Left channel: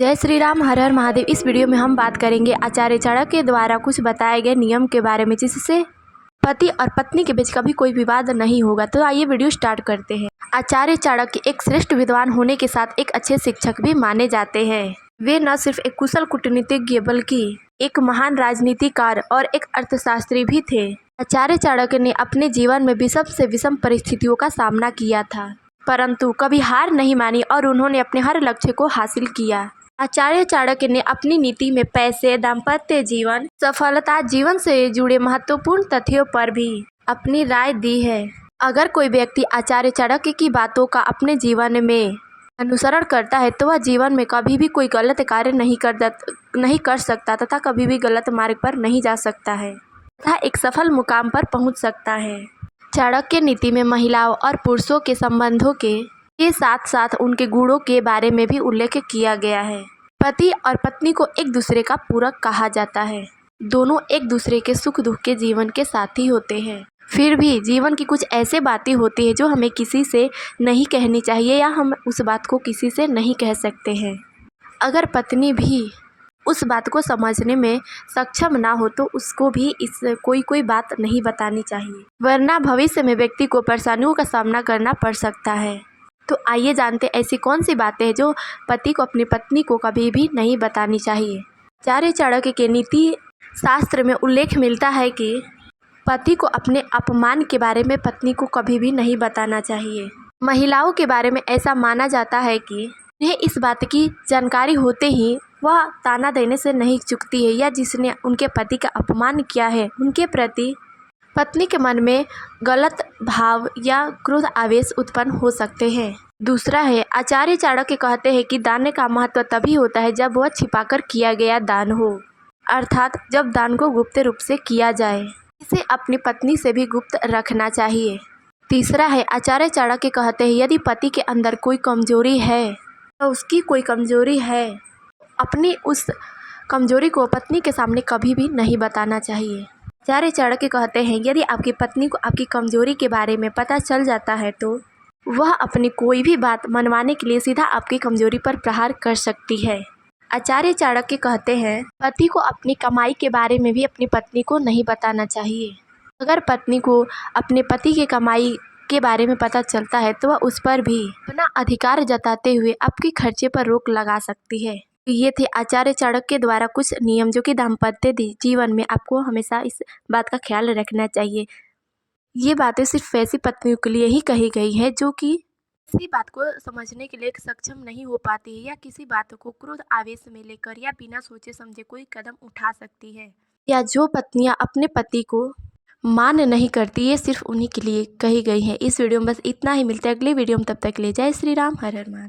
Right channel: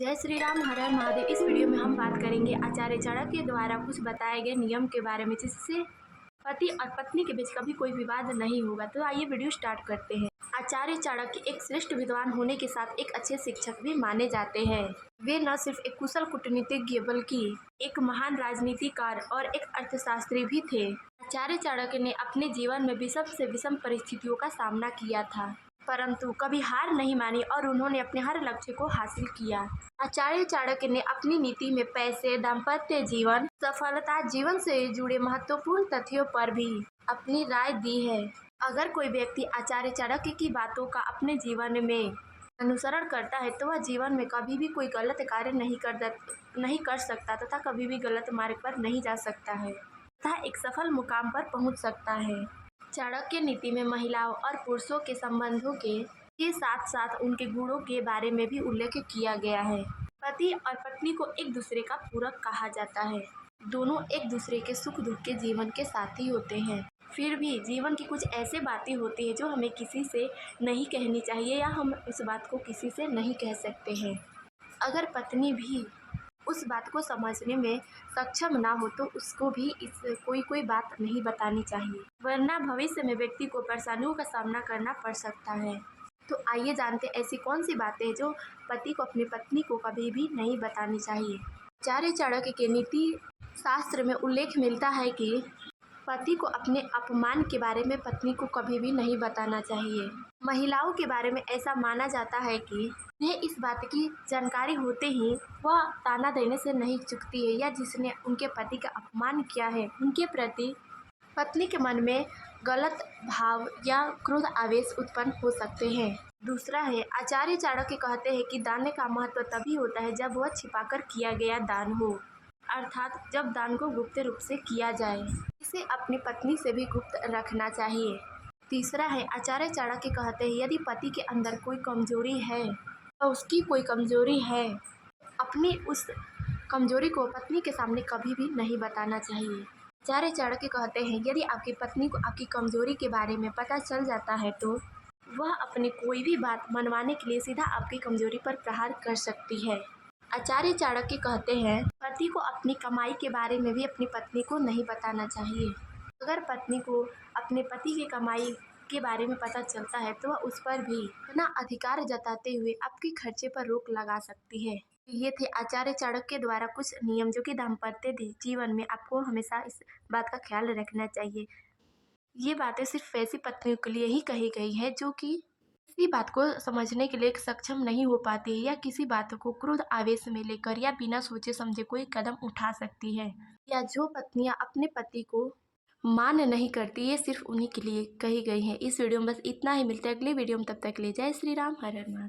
जय श्री राम, हर हर महादेव। इस वीडियो में हम बात करेंगे आचार्य चाणक्य के द्वारा कुछ बताए गए नियम के बारे में, जिससे पति और पत्नी के बीच कभी कोई विवाद नहीं होगा। तो आइए वीडियो स्टार्ट करते हैं। आचार्य चाणक्य एक श्रेष्ठ विद्वान होने के साथ एक अच्छे शिक्षक भी माने जाते हैं। वे न सिर्फ एक कुशल कूटनीतिज्ञ बल्कि एक महान राजनीतिकार और एक अर्थशास्त्री भी थे। आचार्य चाणक्य ने अपने जीवन में विषम से विषम परिस्थितियों का सामना किया था, परंतु कभी हार नहीं मानी और उन्होंने अपने हर लक्ष्य को हासिल किया। आचार्य चाणक्य ने अपनी नीति में पैसे, दाम्पत्य जीवन, सफलता, जीवन से जुड़े महत्वपूर्ण तथ्यों पर भी अपनी राय दी है। अगर कोई व्यक्ति आचार्य चाणक्य की बातों का अपने जीवन में अनुसरण करता है तो वह जीवन में कभी भी कोई गलत कार्य नहीं कर सकता तथा कभी भी गलत मार्ग पर नहीं जा सकता है तथा एक सफल मुकाम पर पहुंच सकता है। चाणक्य नीति में महिलाओं और पुरुषों के संबंधों के साथ साथ उनके गुणों के बारे में भी उल्लेख किया गया है। पति और पत्नी को एक दूसरे का पूरक कहा जाता है। दोनों एक दूसरे के सुख दुख के जीवन के साथी होते हैं। फिर भी जीवन की कुछ ऐसे बातें होती है जो हमें किसी से नहीं कहनी चाहिए या हम उस बात को किसी से नहीं कह सकते हैं। अगर पत्नी भी उस बात को समझने में सक्षम ना हो तो उसको भी इस कोई बात नहीं बतानी चाहिए, वरना भविष्य में व्यक्ति को परेशानियों का सामना करना पड़ सकता है। तो आइए जानते ऐसी कौन सी बातें हैं जो पति को अपनी पत्नी को कभी भी नहीं बतानी चाहिए। आचार्य चाणक्य के नीति शास्त्र में उल्लेख मिलता है कि पति को अपने अपमान के बारे में पत्नी को कभी भी नहीं बताना चाहिए। महिलाओं के बारे में ऐसा माना जाता है कि उन्हें इस बात की जानकारी होते ही वह ताना देने से नहीं चूकती है, या जिसने उनके पति का अपमान किया है उनके प्रति पत्नी के मन में गलत भाव या क्रोध आवेश उत्पन्न हो सकते हैं। दूसरा है, आचार्य चाणक्य कहते हैं कि दान का महत्व तभी होता है जब वह छिपाकर किया गया दान हो, अर्थात जब दान को गुप्त रूप से किया जाए। इसे अपनी पत्नी से भी गुप्त रखना चाहिए। तीसरा है, आचार्य चाणक्य कहते हैं यदि पति के अंदर कोई कमजोरी है तो उसकी कोई कमजोरी है, अपनी उस कमजोरी को पत्नी के सामने कभी भी नहीं बताना चाहिए। आचार्य चाणक्य कहते हैं यदि आपकी पत्नी को आपकी कमजोरी के बारे में पता चल जाता है तो वह अपनी कोई भी बात मनवाने के लिए सीधा आपकी कमजोरी पर प्रहार कर सकती है। आचार्य चाणक्य कहते हैं पति को अपनी कमाई के बारे में भी अपनी पत्नी को नहीं बताना चाहिए। अगर पत्नी को अपने पति की कमाई के बारे में पता चलता है तो वह उस पर भी अपना अधिकार जताते हुए आपके खर्चे पर रोक लगा सकती है। ये थे आचार्य चाणक्य द्वारा कुछ नियम जो कि दाम्पत्य जीवन में आपको हमेशा इस बात का ख्याल रखना चाहिए। ये बातें सिर्फ वैसी पत्नियों के लिए ही कही गई है जो कि किसी बात को समझने के लिए सक्षम नहीं हो पाती है, या किसी बात को क्रोध आवेश में लेकर या बिना सोचे समझे कोई कदम उठा सकती है, या जो पत्नियां अपने पति को मान नहीं करती, ये सिर्फ उन्हीं के लिए कही गई है। इस वीडियो में बस इतना ही। मिलते हैं अगले वीडियो में, तब तक के लिए जय श्री राम, हर हर महादेव।